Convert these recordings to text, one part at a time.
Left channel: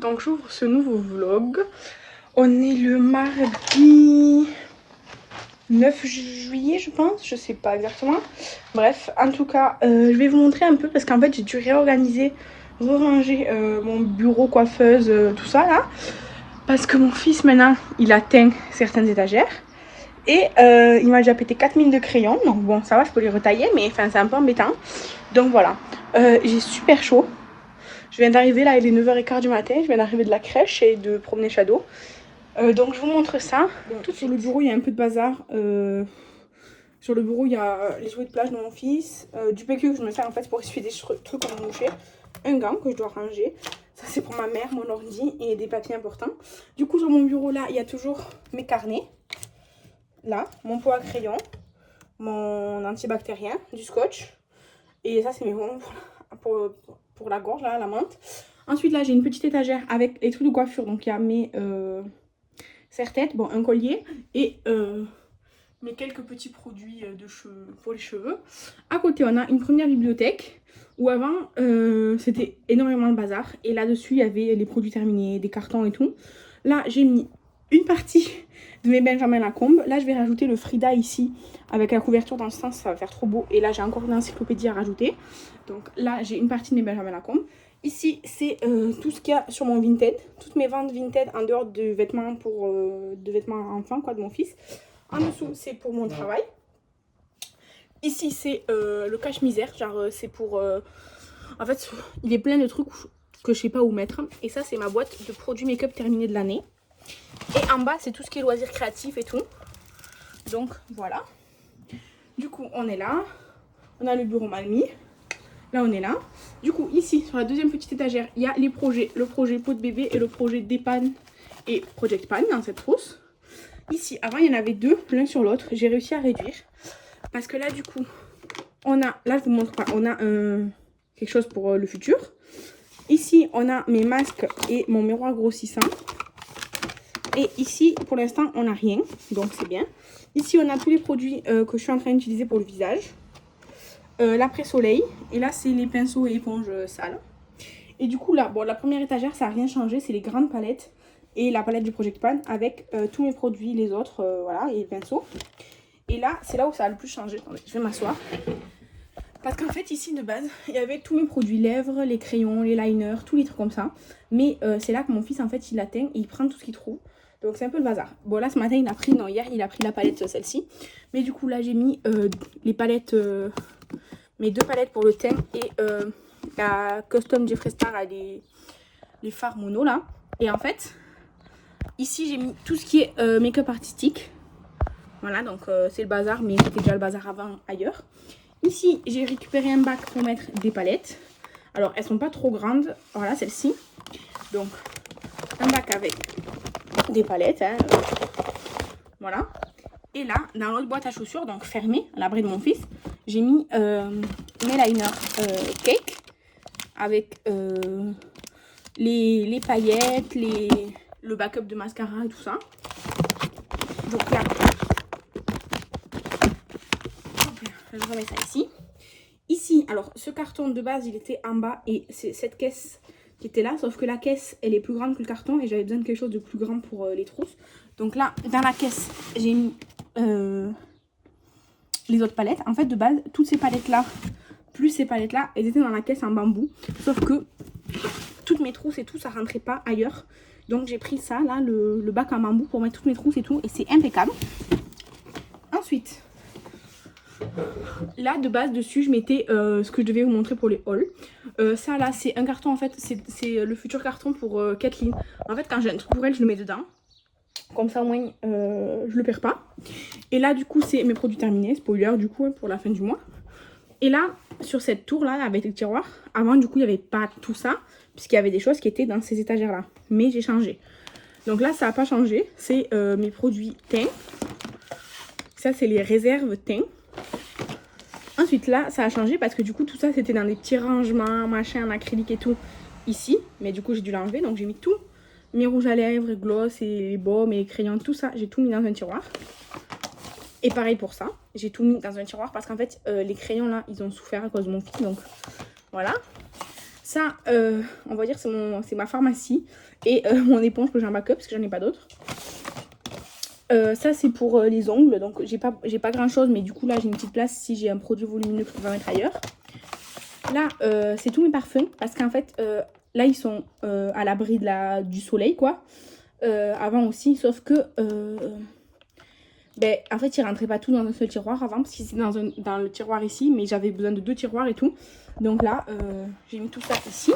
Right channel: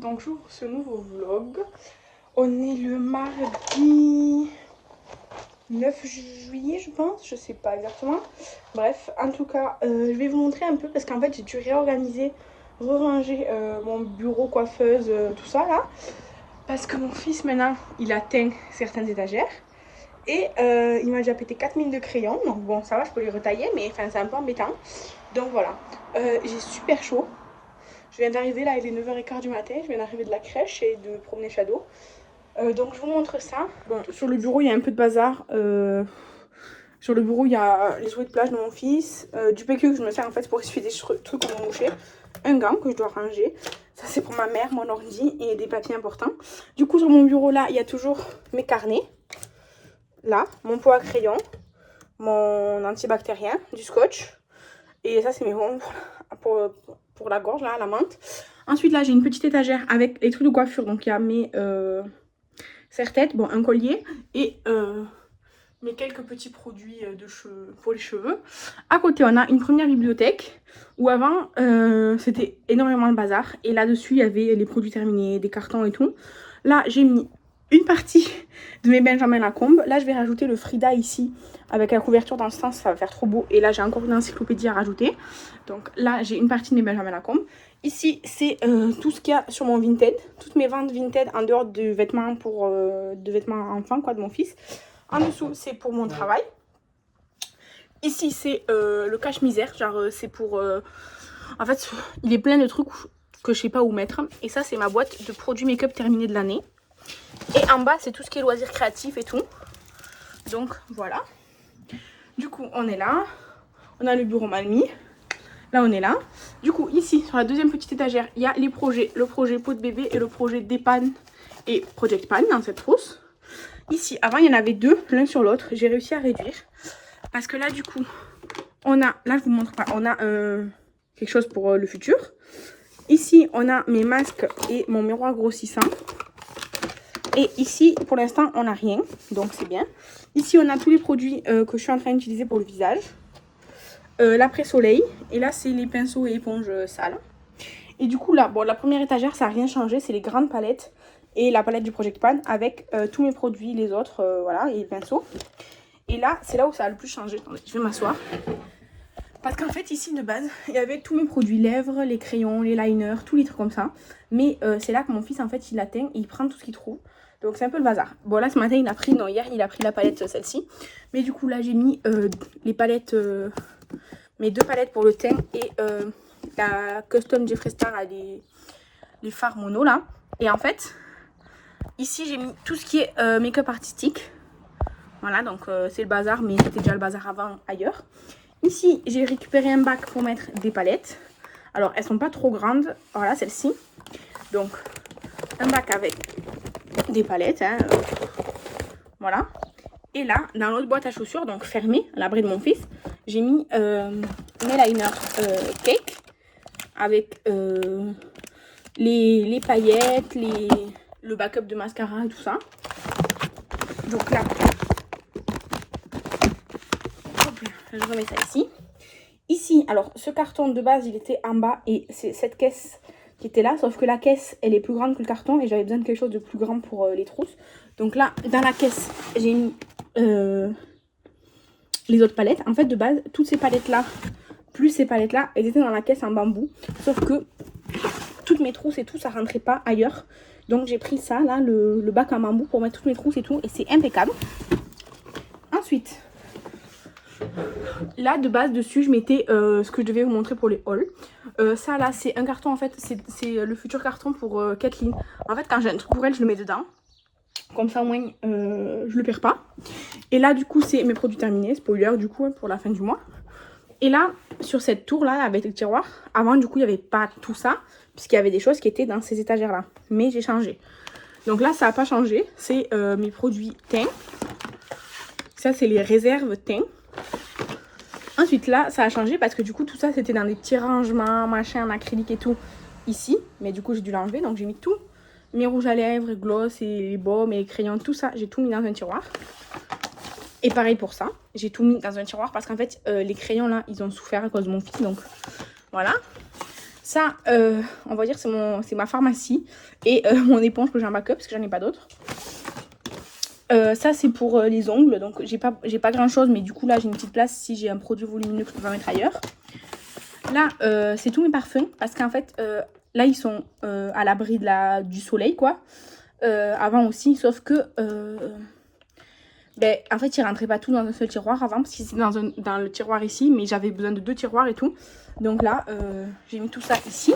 donc j'ouvre ce nouveau vlog. On est le mardi 9 juillet je pense, je sais pas exactement. Bref, en tout cas, je vais vous montrer un peu parce qu'en fait j'ai dû réorganiser, ranger mon bureau, coiffeuse, tout ça là. Parce que mon fils maintenant, il atteint certaines étagères. Et il m'a déjà pété 4000 de crayons, donc bon ça va, je peux les retailler, mais enfin c'est un peu embêtant. Donc voilà, j'ai super chaud. Je viens d'arriver là, il est 9h15 du matin, je viens d'arriver de la crèche et de promener Shadow. Donc je vous montre ça. Bon, sur le bureau il y a un peu de bazar. Sur le bureau il y a les jouets de plage de mon fils, du PQ que je me sers en fait pour essuyer des trucs qu'on a mouché, un gant que je dois ranger. Ça c'est pour ma mère, mon ordi et des papiers importants. Du coup sur mon bureau là il y a toujours mes carnets. Là, mon pot à crayon, mon antibactérien, du scotch. Et ça c'est mes bonbons pour la gorge là, la menthe. Ensuite là j'ai une petite étagère avec les trucs de coiffure. Donc il y a mes serre-têtes, bon un collier et mes quelques petits produits de cheveux, pour les cheveux. À côté on a une première bibliothèque où avant c'était énormément de bazar. Et là-dessus il y avait les produits terminés, des cartons et tout. Là j'ai mis une partie de mes Benjamin Lacombe. Là je vais rajouter le Frida ici. Avec la couverture dans ce sens, ça va faire trop beau. Et là, j'ai encore une encyclopédie à rajouter. Donc là, j'ai une partie de mes Benjamin Lacombe. Ici, c'est tout ce qu'il y a sur mon Vinted. Toutes mes ventes Vinted en dehors de vêtements de vêtements enfants, quoi, de mon fils. En dessous, c'est pour mon travail. Ici, c'est le cache-misère. Genre, c'est pour... En fait, il est plein de trucs que je sais pas où mettre. Et ça, c'est ma boîte de produits make-up terminés de l'année. Et en bas, c'est tout ce qui est loisirs créatifs et tout. Donc, voilà. Du coup, on est là. On a le bureau mal mis. Là, on est là. Du coup, ici, sur la deuxième petite étagère, il y a les projets. Le projet pot de bébé et le projet Dépanne et Project Pan dans cette trousse. Ici, avant, il y en avait deux, l'un sur l'autre. J'ai réussi à réduire. Parce que là, du coup, on a... Là, je vous montre pas. On a quelque chose pour le futur. Ici, on a mes masques et mon miroir grossissant. Et ici, pour l'instant, on n'a rien. Donc, c'est bien. Ici, on a tous les produits que je suis en train d'utiliser pour le visage. L'après-soleil. Et là, c'est les pinceaux et éponges sales. Et du coup, là, bon, la première étagère, ça n'a rien changé. C'est les grandes palettes et la palette du Project Pan avec tous mes produits, les autres, voilà, et les pinceaux. Et là, c'est là où ça a le plus changé. Attendez, je vais m'asseoir. Parce qu'en fait, ici, de base, il y avait tous mes produits lèvres, les crayons, les liners, tous les trucs comme ça. Mais c'est là que mon fils, en fait, il atteint et il prend tout ce qu'il trouve. Donc, c'est un peu le bazar. Bon, là, ce matin, il a pris... Non, hier, il a pris la palette, celle-ci. Mais du coup, là, j'ai mis les palettes... mes deux palettes pour le teint et la Custom Jeffree Star, les fards mono, là. Et en fait, ici, j'ai mis tout ce qui est make-up artistique. Voilà, donc c'est le bazar, mais c'était déjà le bazar avant ailleurs. Ici, j'ai récupéré un bac pour mettre des palettes. Alors, elles sont pas trop grandes. Voilà, celle-ci. Donc, un bac avec des palettes. Hein, voilà. Et là, dans l'autre boîte à chaussures, donc fermée, à l'abri de mon fils, j'ai mis mes liners cake. Avec les paillettes, le backup de mascara et tout ça. Donc là, je remets ça ici. Ici, alors ce carton de base, il était en bas et c'est cette caisse qui était là. Sauf que la caisse, elle est plus grande que le carton et j'avais besoin de quelque chose de plus grand pour les trousses. Donc là, dans la caisse, j'ai mis les autres palettes. En fait, de base, toutes ces palettes-là, plus ces palettes-là, elles étaient dans la caisse en bambou. Sauf que toutes mes trousses et tout, ça rentrait pas ailleurs. Donc j'ai pris ça, là, le bac en bambou pour mettre toutes mes trousses et tout. Et c'est impeccable. Ensuite... Là, de base, dessus, je mettais ce que je devais vous montrer pour les hauls. Ça, là, c'est un carton, en fait, c'est le futur carton pour Kathleen. En fait, quand j'ai un truc pour elle, je le mets dedans. Comme ça, au moins, je le perds pas. Et là, du coup, c'est mes produits terminés. Spoiler, du coup, pour la fin du mois. Et là, sur cette tour-là, avec le tiroir, avant, du coup, il n'y avait pas tout ça. Puisqu'il y avait des choses qui étaient dans ces étagères-là. Mais j'ai changé. Donc là, ça n'a pas changé. C'est mes produits teint. Ça, c'est les réserves teint. Ensuite là ça a changé parce que du coup tout ça c'était dans des petits rangements, machin, en acrylique et tout ici. Mais du coup j'ai dû l'enlever donc j'ai mis tout. Mes rouges à lèvres, gloss et les baumes et les crayons, tout ça j'ai tout mis dans un tiroir. Et pareil pour ça, j'ai tout mis dans un tiroir parce qu'en fait les crayons là ils ont souffert à cause de mon fils donc voilà. Ça, on va dire c'est ma pharmacie. Et mon éponge que j'ai en backup parce que j'en ai pas d'autres. Ça c'est pour les ongles. Donc j'ai pas grand chose. Mais du coup là j'ai une petite place si j'ai un produit volumineux que je peux mettre ailleurs. Là c'est tous mes parfums. Parce qu'en fait là ils sont à l'abri du soleil quoi. Avant aussi. Sauf que... ben, en fait, ils rentraient pas tout dans un seul tiroir avant, parce qu'ils étaient dans le tiroir ici, mais j'avais besoin de 2 tiroirs et tout. Donc là, j'ai mis tout ça ici.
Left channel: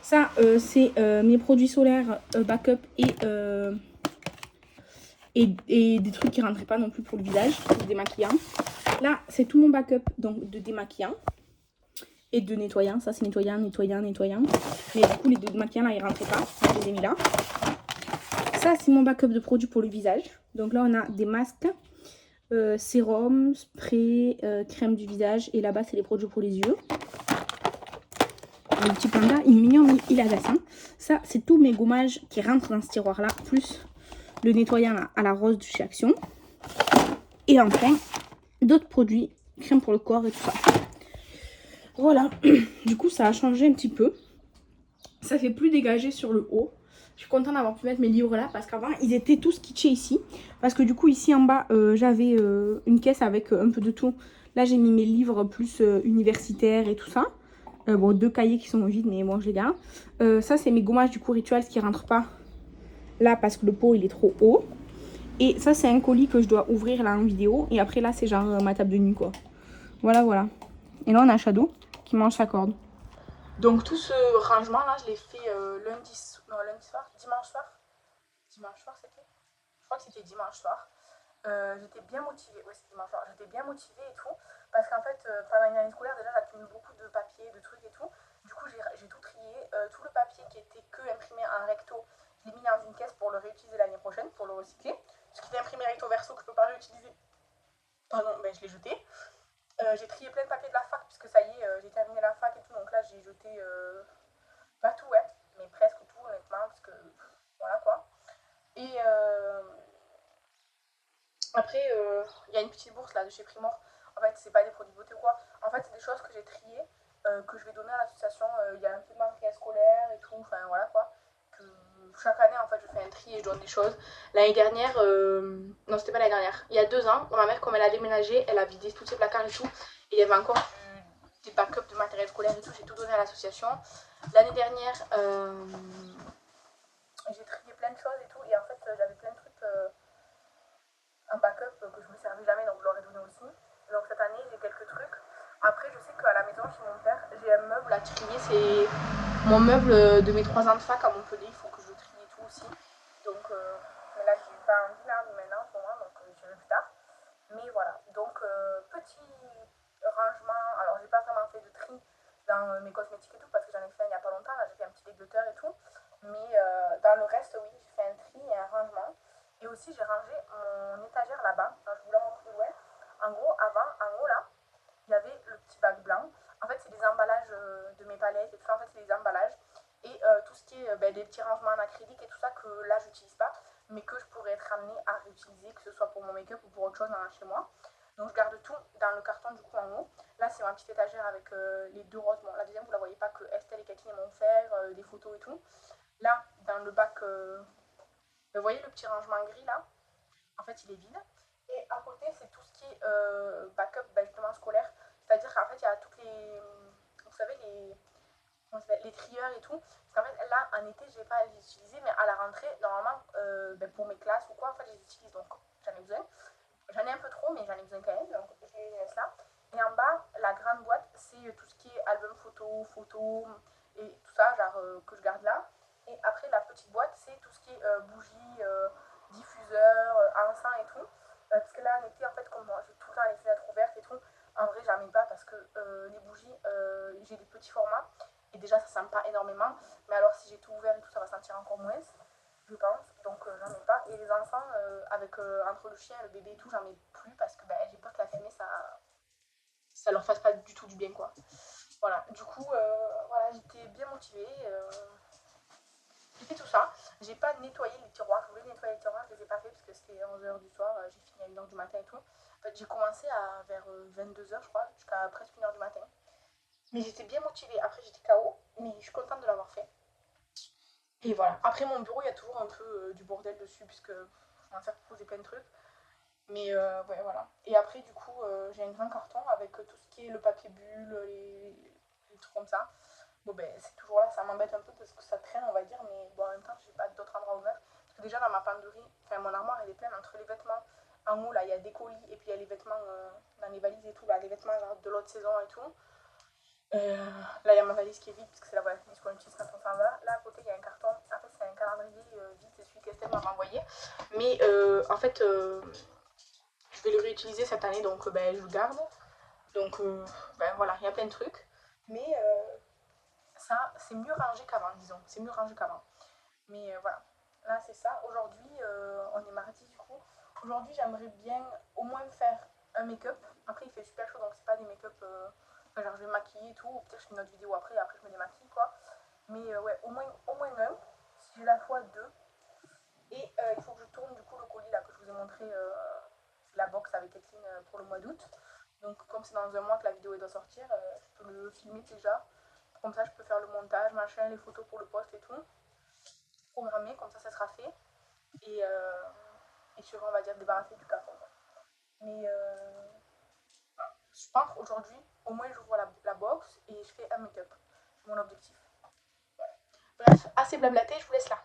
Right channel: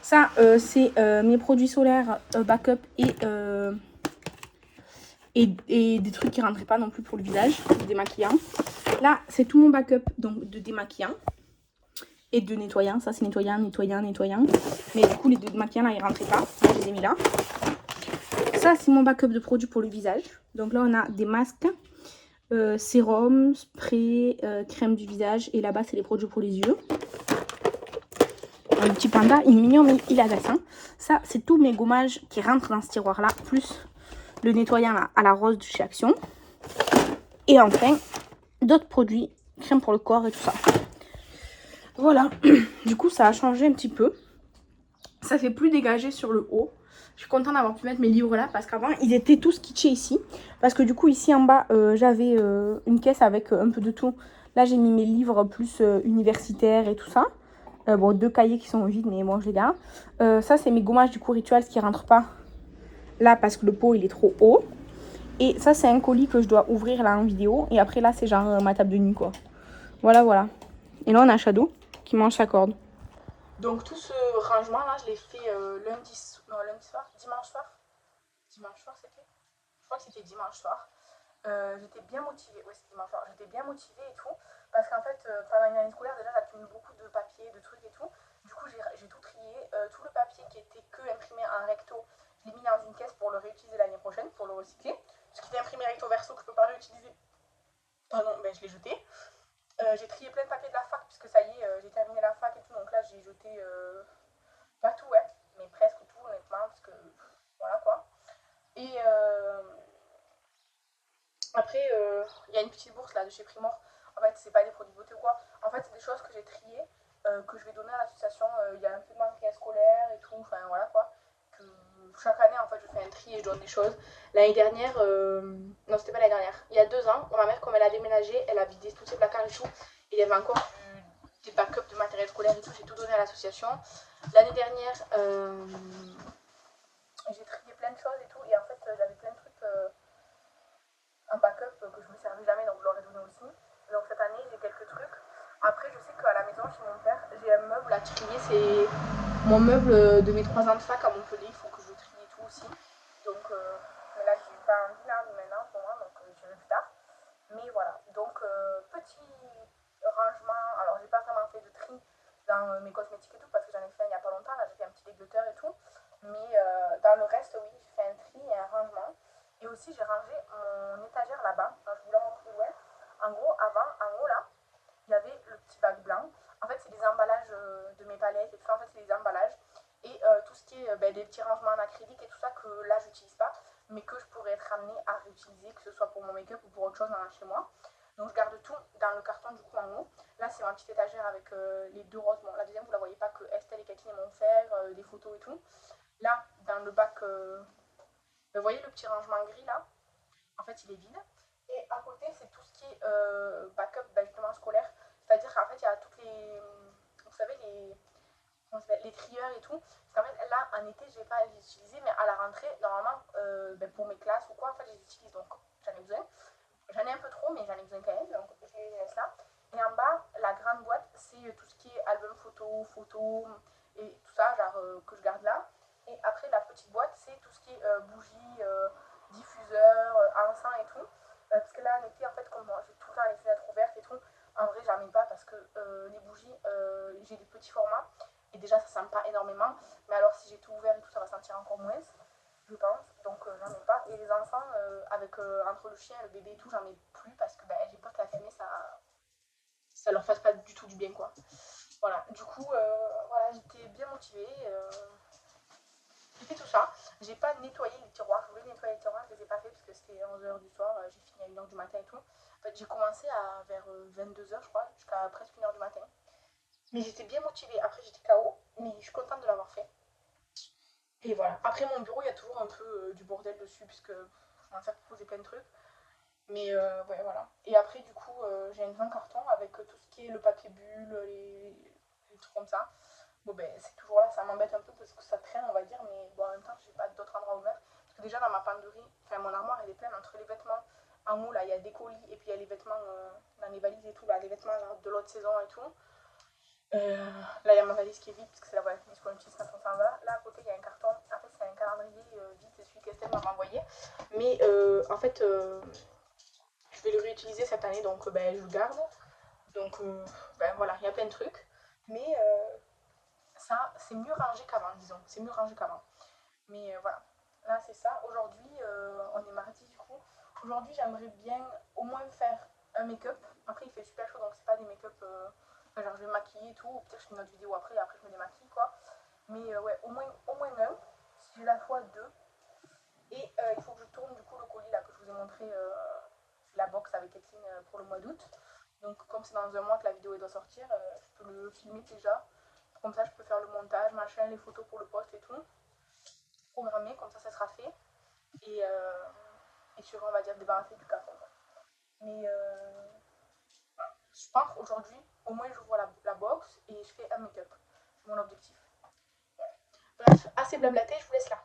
Ça, c'est mes produits solaires backup et des trucs qui rentraient pas non plus pour le visage, démaquillant. Là, c'est tout mon backup donc, de démaquillant et de nettoyant. Ça, c'est nettoyant. Mais du coup, les démaquillants, là, ils rentraient pas. Je les ai mis là. Ça, c'est mon backup de produits pour le visage. Donc là, on a des masques, sérum, spray, crème du visage. Et là-bas, c'est les produits pour les yeux. Le petit panda, il est mignon, mais il a des seins. Ça, c'est tous mes gommages qui rentrent dans ce tiroir-là, plus le nettoyant là, à la rose de chez Action. Et enfin, d'autres produits, crème pour le corps et tout ça. Voilà. Du coup, ça a changé un petit peu. Ça fait plus dégagé sur le haut. Je suis contente d'avoir pu mettre mes livres là parce qu'avant ils étaient tous kitschés ici. Parce que du coup ici en bas j'avais une caisse avec un peu de tout. Là j'ai mis mes livres plus universitaires et tout ça. Bon 2 cahiers qui sont vides mais moi je les garde. Ça c'est mes gommages du coup rituel qui rentrent pas là parce que le pot il est trop haut. Et ça c'est un colis que je dois ouvrir là en vidéo. Et après là c'est genre ma table de nuit quoi. Voilà voilà. Et là on a Shadow qui mange sa corde. Donc tout ce rangement là, je l'ai fait lundi soir, dimanche soir c'était, je crois que c'était dimanche soir. J'étais bien motivée, ouais c'était dimanche soir, j'étais bien motivée et tout, parce qu'en fait pendant une année scolaire déjà j'accumule beaucoup de papier, de trucs et tout, du coup j'ai tout trié, tout le papier qui était que imprimé en recto, je l'ai mis dans une caisse pour le réutiliser l'année prochaine, pour le recycler, ce qui était imprimé recto verso que je peux pas réutiliser, pardon, ben je l'ai jeté. J'ai trié plein de papiers de la fac, puisque ça y est, j'ai terminé la fac et tout, donc là j'ai jeté pas tout, ouais, mais presque tout, honnêtement, parce que voilà quoi. Et après, il y a une petite bourse là de chez Primor. En fait, c'est pas des produits de beauté quoi. En fait, c'est des choses que j'ai triées, que je vais donner à l'association. Il y a un peu de matériel scolaire et tout, enfin voilà quoi. Que chaque année, en fait, je fais un tri et je donne des choses. L'année dernière, non, c'était pas l'année dernière, il y a 2 ans, ma mère, comme elle a déménagé, elle a vidé tous ses placards et tout. Et il y avait encore des backups de matériel scolaire et tout, j'ai tout donné à l'association. L'année dernière, j'ai trié plein de choses et tout, et en fait, j'avais plein de trucs en backup que je me servais jamais, donc je leur ai donné aussi. Donc cette année, j'ai quelques trucs. Après, je sais qu'à la maison, chez mon père, j'ai un meuble à trier, c'est mon meuble de mes 3 ans de fac à Montpellier, il faut que je trie tout aussi. Donc, mais là, j'ai pas envie là, maintenant, pour moi, donc j'irai plus tard. Mais voilà, donc petit rangement, alors j'ai pas vraiment fait de tri dans mes cosmétiques et tout, parce que j'en ai fait il y a pas longtemps, là j'ai fait un petit déglotteur et tout. Mais dans le reste, oui, j'ai fait un tri et un rangement. Et aussi, j'ai rangé mon étagère là-bas. Alors, je vous la montre de loin. En gros, avant, en haut là, il y avait le petit bac blanc. En fait, c'est des emballages de mes palettes et tout ça. En fait, c'est des emballages. Et tout ce qui est des petits rangements en acrylique et tout ça que là, j'utilise pas, mais que je pourrais être amenée à réutiliser, que ce soit pour mon make-up ou pour autre chose chez moi. Donc, je garde tout dans le carton du coup en haut. Là, c'est ma petite étagère avec les 2 roses. Bon, la deuxième, vous la voyez pas, que Estelle et Kathleen m'ont fait, des photos et tout. Là, dans le bac, vous voyez le petit rangement gris là? En fait, il est vide. Et à côté, c'est tout ce qui est backup justement scolaire. C'est-à-dire qu'en fait, il y a toutes les. Vous savez, les trieurs et tout. Parce qu'en fait, là, en été, je ne vais pas les utiliser, mais à la rentrée, normalement, pour mes classes ou quoi, en fait, je les utilise. Donc, j'en ai besoin. J'en ai un peu trop, mais j'en ai besoin quand même. Donc, je les laisse là. Et en bas, la grande boîte, c'est tout ce qui est album photo et tout ça, genre que je garde là. Et après, la petite boîte, c'est tout ce qui est bougies, diffuseurs, encens et tout. Parce que là, en été, en fait, comme moi, j'ai tout le temps les fenêtres ouvertes et tout, en vrai, j'en mets pas parce que les bougies, j'ai des petits formats. Et déjà, ça sent pas énormément. Mais alors, si j'ai tout ouvert et tout, ça va sentir encore moins, je pense. Donc, j'en mets pas. Et les enfants, avec entre le chien et le bébé et tout, j'en mets plus parce que j'ai peur que la fumée, ça leur fasse pas du tout du bien, quoi. Voilà. Du coup, voilà, j'étais bien motivée. J'ai fait tout ça. J'ai pas nettoyé les tiroirs. Je voulais nettoyer les tiroirs, je les ai pas fait parce que c'était 11h du soir. J'ai fini à 1h du matin et tout. En fait, j'ai commencé vers 22h, je crois, jusqu'à presque 1h du matin. Mais j'étais bien motivée. Après, j'étais KO, mais je suis contente de l'avoir fait. Et voilà. Après, mon bureau, il y a toujours un peu du bordel dessus, puisque je m'en faire poser plein de trucs. Mais ouais, voilà. Et après, du coup, j'ai un grand carton avec tout ce qui est le papier bulle, les trucs comme ça. Bon, ben, c'est toujours là, ça m'embête un peu parce que ça traîne, on va dire, mais bon, en même temps, j'ai pas d'autre endroit où mettre. Parce que déjà, dans ma penderie, enfin, mon armoire, elle est pleine entre les vêtements. En haut, là, il y a des colis et puis il y a les vêtements dans les valises et tout, là, les vêtements genre, de l'autre saison et tout. Là, il y a ma valise qui est vide parce que c'est la valise qu'on utilise quand on s'en va. Là, à côté, il y a un carton. En fait, c'est un calendrier vide, c'est celui qu'Estelle m'a envoyé. Mais en fait, je vais le réutiliser cette année, donc ben, je le garde. Donc, ben, voilà, il y a plein de trucs. Mais ça, c'est mieux rangé qu'avant, disons. C'est mieux rangé qu'avant. Mais voilà. Là, c'est ça. Aujourd'hui, on est mardi du coup. Aujourd'hui, j'aimerais bien au moins faire un make-up. Après, il fait super chaud, donc c'est pas des make-up. Enfin, genre, je vais me maquiller et tout. Peut-être je fais une autre vidéo après, après je me démaquille, quoi. Mais ouais, au moins un. Si j'ai la fois deux. Et il faut que je tourne du coup le colis là que je vous ai montré, la box avec Kathleen pour le mois d'août. Donc, comme c'est dans un mois que la vidéo doit sortir, je peux le filmer déjà. Comme ça, je peux faire le montage, machin, les photos pour le post et tout. Programmer, comme ça sera fait. Et tu on va dire, débarrasser du carton. Mais je pense aujourd'hui, au moins j'ouvre la box et je fais un make-up. C'est mon objectif. Bref, assez blablaté, je vous laisse là.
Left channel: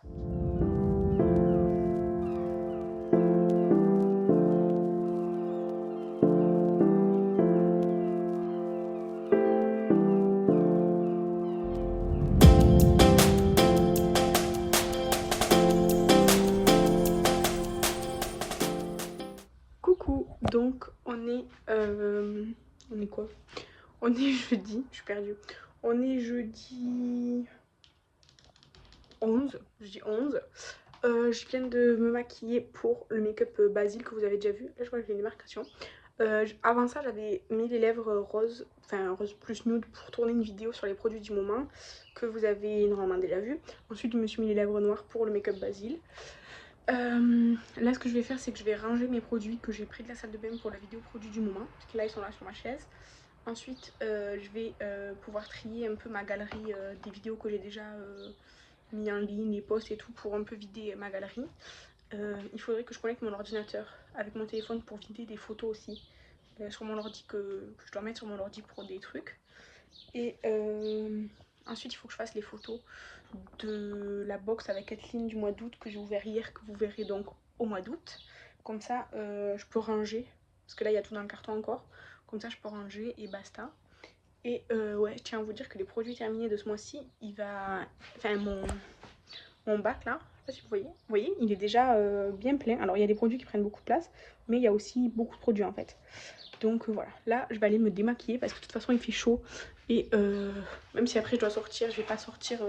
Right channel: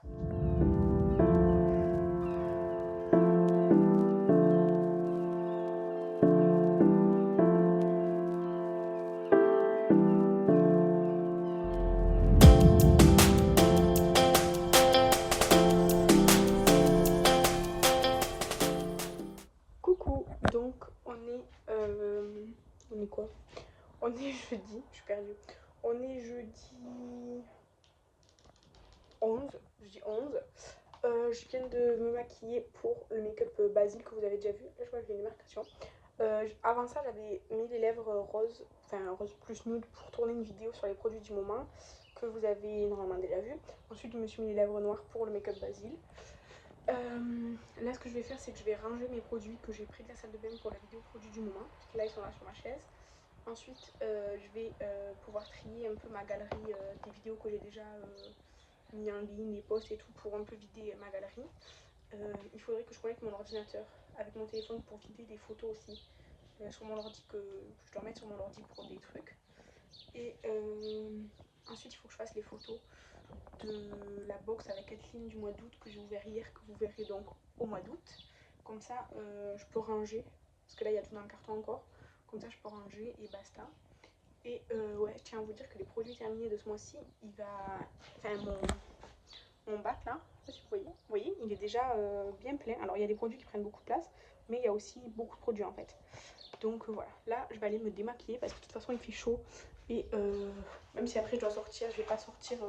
Coucou, donc on est quoi? On est jeudi, je suis perdue. On est jeudi 11, je dis 11. Je viens de me maquiller pour le make-up Basile que vous avez déjà vu. Là, je vois que j'ai une démarcation. Avant ça, j'avais mis les lèvres roses, enfin rose plus nude pour tourner une vidéo sur les produits du moment que vous avez normalement déjà vu. Ensuite, je me suis mis les lèvres noires pour le make-up Basile. Là, ce que je vais faire, c'est que je vais ranger mes produits que j'ai pris de la salle de bain pour la vidéo produits du moment. Parce que là, ils sont là sur ma chaise. Ensuite, je vais pouvoir trier un peu ma galerie des vidéos que j'ai déjà mis en ligne, les posts et tout, pour un peu vider ma galerie. Il faudrait que je connecte mon ordinateur avec mon téléphone pour vider des photos aussi sur mon ordi que je dois mettre sur mon ordi pour des trucs. Et ensuite, il faut que je fasse les photos de la box avec Kathleen du mois d'août que j'ai ouvert hier, que vous verrez donc au mois d'août. Comme ça, je peux ranger, parce que là, il y a tout dans le carton encore. Comme ça, je peux ranger et basta. Et ouais, je tiens à vous dire que les produits terminés de ce mois-ci, il va... Enfin, mon bac là, je sais pas si vous voyez, il est déjà bien plein. Alors, il y a des produits qui prennent beaucoup de place, mais il y a aussi beaucoup de produits en fait. Donc voilà, là, je vais aller me démaquiller parce que de toute façon, il fait chaud. Et même si après je dois sortir, je vais pas sortir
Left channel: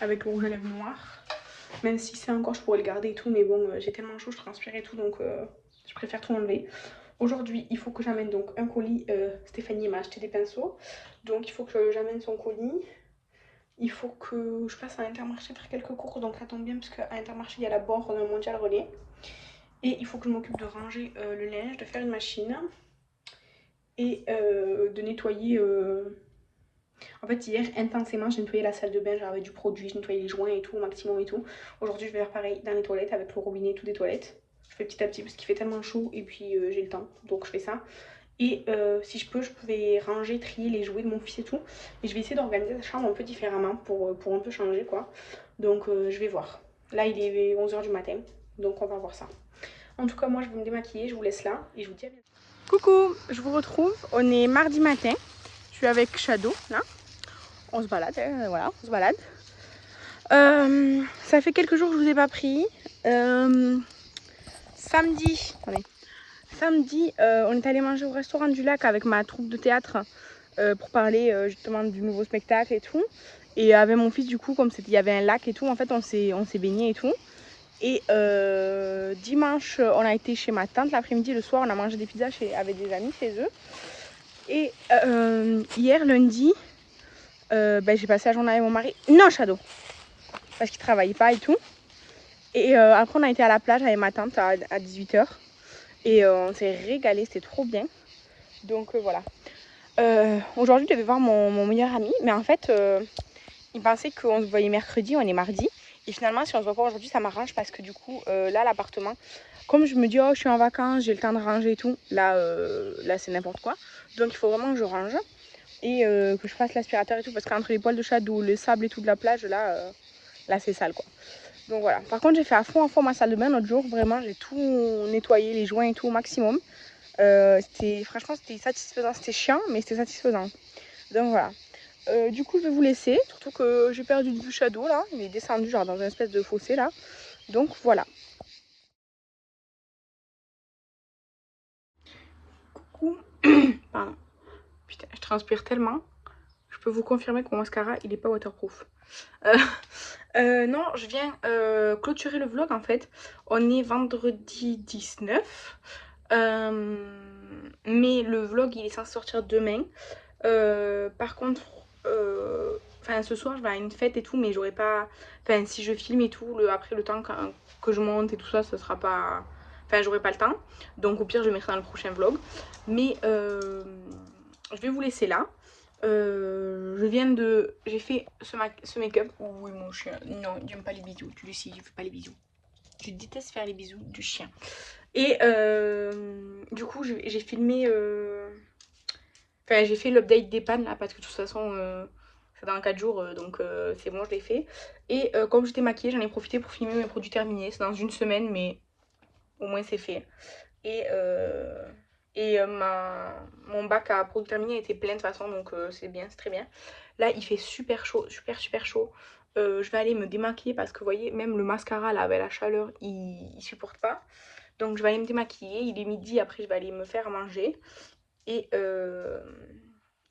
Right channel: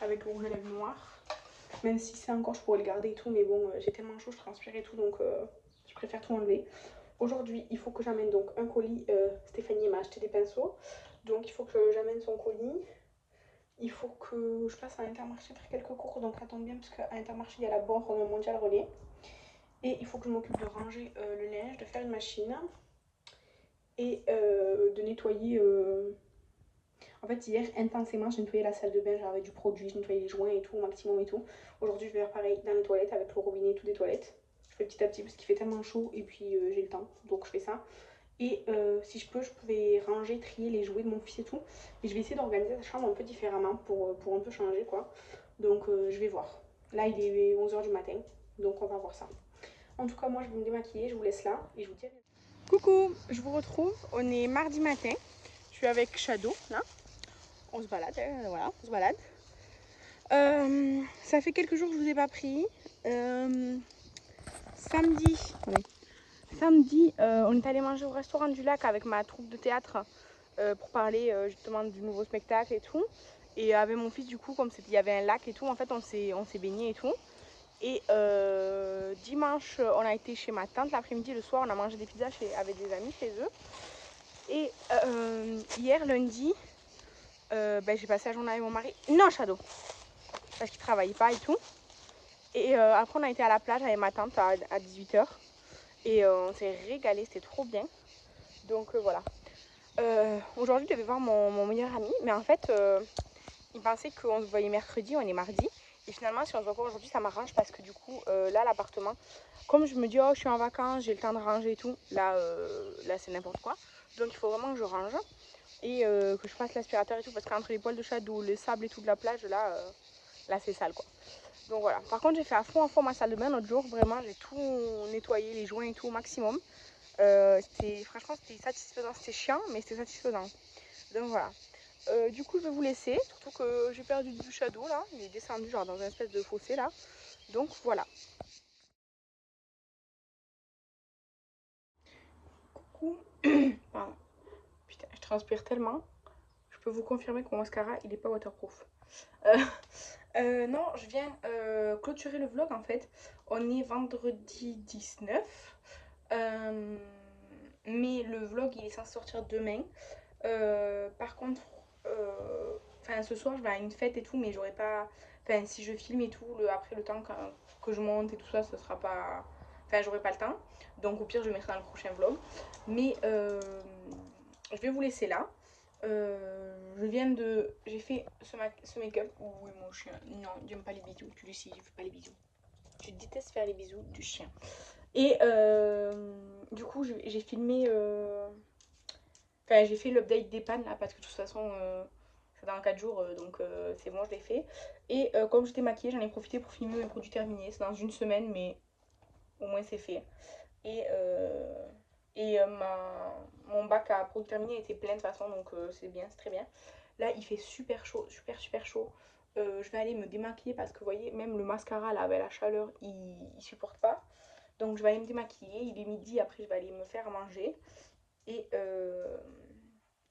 avec le rouge à lèvres noir. Même si c'est encore, je pourrais le garder et tout, mais bon, j'ai tellement chaud, je transpire et tout, donc je préfère tout enlever. Aujourd'hui, il faut que j'amène donc un colis. Stéphanie m'a acheté des pinceaux, donc il faut que j'amène son colis. Il faut que je passe à Intermarché faire quelques courses, donc ça tombe bien parce qu'à Intermarché il y a la borne mondial relais. Et il faut que je m'occupe de ranger le linge, de faire une machine et de nettoyer. En fait, hier, intensément, j'ai nettoyé la salle de bain, j'avais du produit, j'ai nettoyé les joints et tout, au maximum et tout. Aujourd'hui, je vais faire pareil dans les toilettes avec le robinet et tout des toilettes. Je fais petit à petit parce qu'il fait tellement chaud et puis j'ai le temps, donc je fais ça. Et si je peux, je vais ranger, trier les jouets de mon fils et tout. Et je vais essayer d'organiser la chambre un peu différemment pour un peu changer quoi. Donc je vais voir. Là, il est 11h du matin, donc on va voir ça. En tout cas, moi, je vais me démaquiller, je vous laisse là et je vous dis à bientôt. Coucou, je vous retrouve. On est mardi matin. Je suis avec Shadow, là. On se balade, voilà, on se balade. Ça fait quelques jours que je vous ai pas pris. Samedi, on est allé manger au restaurant du lac avec ma troupe de théâtre pour parler justement du nouveau spectacle et tout. Et avec mon fils, du coup, comme il y avait un lac et tout, en fait, on s'est baigné et tout. Et dimanche, on a été chez ma tante l'après-midi, le soir, on a mangé des pizzas avec des amis chez eux. Et hier, lundi, j'ai passé la journée avec mon mari. Non, Shadow, parce qu'il travaillait pas et tout. Et après, on a été à la plage avec ma tante à 18h. Et on s'est régalé, c'était trop bien. Donc voilà. Aujourd'hui, je devais voir mon meilleur ami, mais en fait, il pensait qu'on se voyait mercredi, on est mardi. Et finalement, si on se voit pas aujourd'hui, ça m'arrange parce que du coup, là, l'appartement, comme je me dis, oh, je suis en vacances, j'ai le temps de ranger et tout, là c'est n'importe quoi. Donc, il faut vraiment que je range et que je fasse l'aspirateur et tout, parce qu'entre les poils de Shadow, le sable et tout de la plage, là c'est sale, quoi. Donc voilà. Par contre, j'ai fait à fond ma salle de bain l'autre jour. Vraiment, j'ai tout nettoyé, les joints et tout au maximum. Franchement, c'était satisfaisant. C'était chiant, mais c'était satisfaisant. Donc voilà. Du coup, je vais vous laisser. Surtout que j'ai perdu de vue Shadow là. Il est descendu genre dans une espèce de fossé là. Donc voilà. Coucou. Pardon. Putain, je transpire tellement. Je peux vous confirmer que mon mascara, il est pas waterproof. Non, je viens clôturer le vlog en fait. On est vendredi 19. Mais le vlog il est censé sortir demain. Par contre, ce soir je vais à une fête et tout, mais j'aurai pas. Enfin, si je filme et tout, après le temps que je monte et tout ça, ce sera pas. Enfin, j'aurai pas le temps. Donc, au pire, je mettrai dans le prochain vlog. Mais je vais vous laisser là. Je viens de. J'ai fait ce make-up. Oh, oui, mon chien. Non, il n'aime pas les bisous. Tu le sais, je fais pas les bisous. Je déteste faire les bisous du chien. Et du coup, j'ai filmé. Enfin, j'ai fait l'update des pannes là parce que de toute façon, c'est dans 4 jours donc c'est bon, je l'ai fait. Et comme j'étais maquillée, j'en ai profité pour filmer mes produits terminés. C'est dans une semaine, mais au moins c'est fait. Et, mon bac à produits terminés était plein de toute façon, donc c'est bien, c'est très bien. Là, il fait super chaud, super chaud. Je vais aller me démaquiller parce que vous voyez, même le mascara là, avec la chaleur, il supporte pas. Donc je vais aller me démaquiller. Il est midi, après je vais aller me faire manger. Et,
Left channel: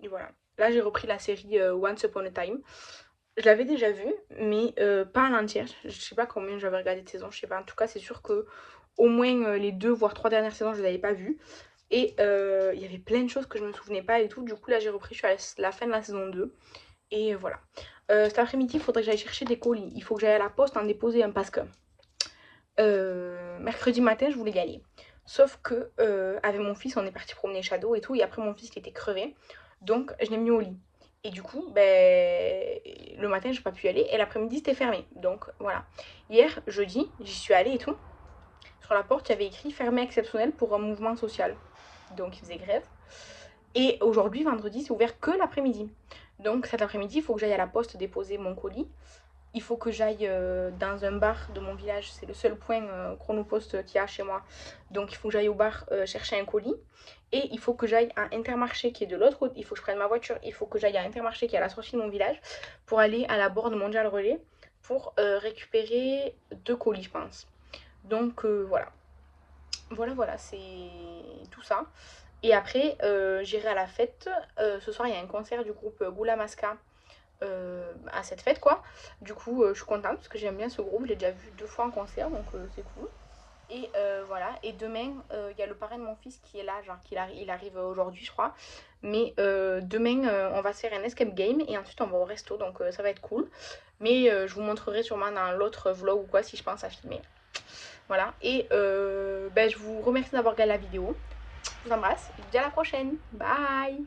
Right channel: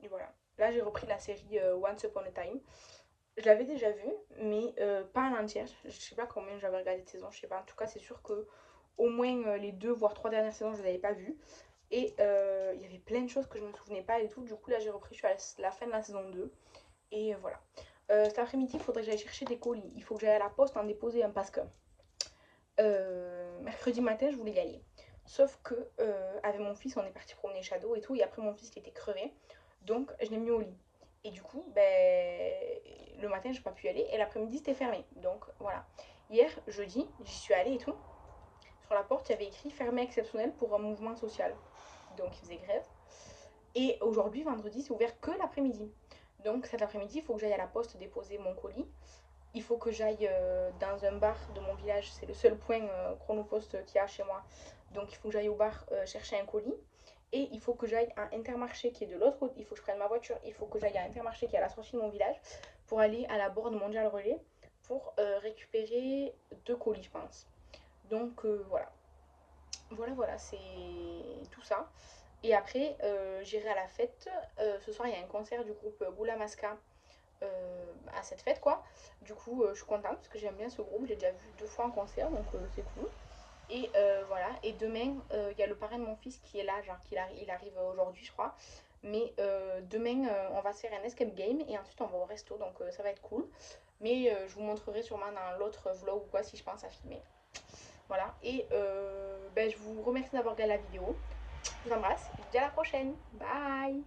voilà. Là, j'ai repris la série Once Upon a Time. Je l'avais déjà vue, mais pas en entière. Je sais pas combien j'avais regardé de saisons, je sais pas. En tout cas, c'est sûr que au moins les 2 voire 3 dernières saisons, je les avais pas vues. Et il y avait plein de choses que je me souvenais pas et tout. Du coup, là, j'ai repris, je suis à la fin de la saison 2. Et voilà. Cet après-midi, il faudrait que j'aille chercher des colis. Il faut que j'aille à la poste en déposer un parce que mercredi matin, je voulais y aller. Sauf que avec mon fils, on est parti promener Shadow et tout. Et après, mon fils il était crevé. Donc, je l'ai mis au lit. Et du coup, le matin, j'ai pas pu y aller. Et l'après-midi, c'était fermé. Donc, voilà. Hier, jeudi, j'y suis allée et tout. Sur la porte, il y avait écrit fermé exceptionnel pour un mouvement social. Donc, il faisait grève. Et aujourd'hui, vendredi, c'est ouvert que l'après-midi. Donc, cet après-midi, il faut que j'aille à la poste déposer mon colis. Il faut que j'aille dans un bar de mon village. C'est le seul point chronopost qu'il y a chez moi. Donc il faut que j'aille au bar chercher un colis. Et il faut que j'aille à Intermarché qui est de l'autre côté. Il faut que je prenne ma voiture. Il faut que j'aille à Intermarché qui est à la sortie de mon village pour aller à la borne Mondial Relais pour récupérer 2 colis, je pense. Donc voilà. Voilà, c'est tout ça. Et après, j'irai à la fête. Ce soir, il y a un concert du groupe Goula Masca à cette fête quoi. Du coup je suis contente parce que j'aime bien ce groupe, je l'ai déjà vu 2 fois en concert donc c'est cool. Et voilà, et demain il y a le parrain de mon fils qui est là, genre il arrive aujourd'hui je crois. Mais demain on va se faire un escape game et ensuite on va au resto donc ça va être cool. Mais je vous montrerai sûrement dans l'autre vlog ou quoi si je pense à filmer. Voilà, et je vous remercie d'avoir regardé la vidéo. Je vous embrasse et je vous dis à la prochaine. Bye.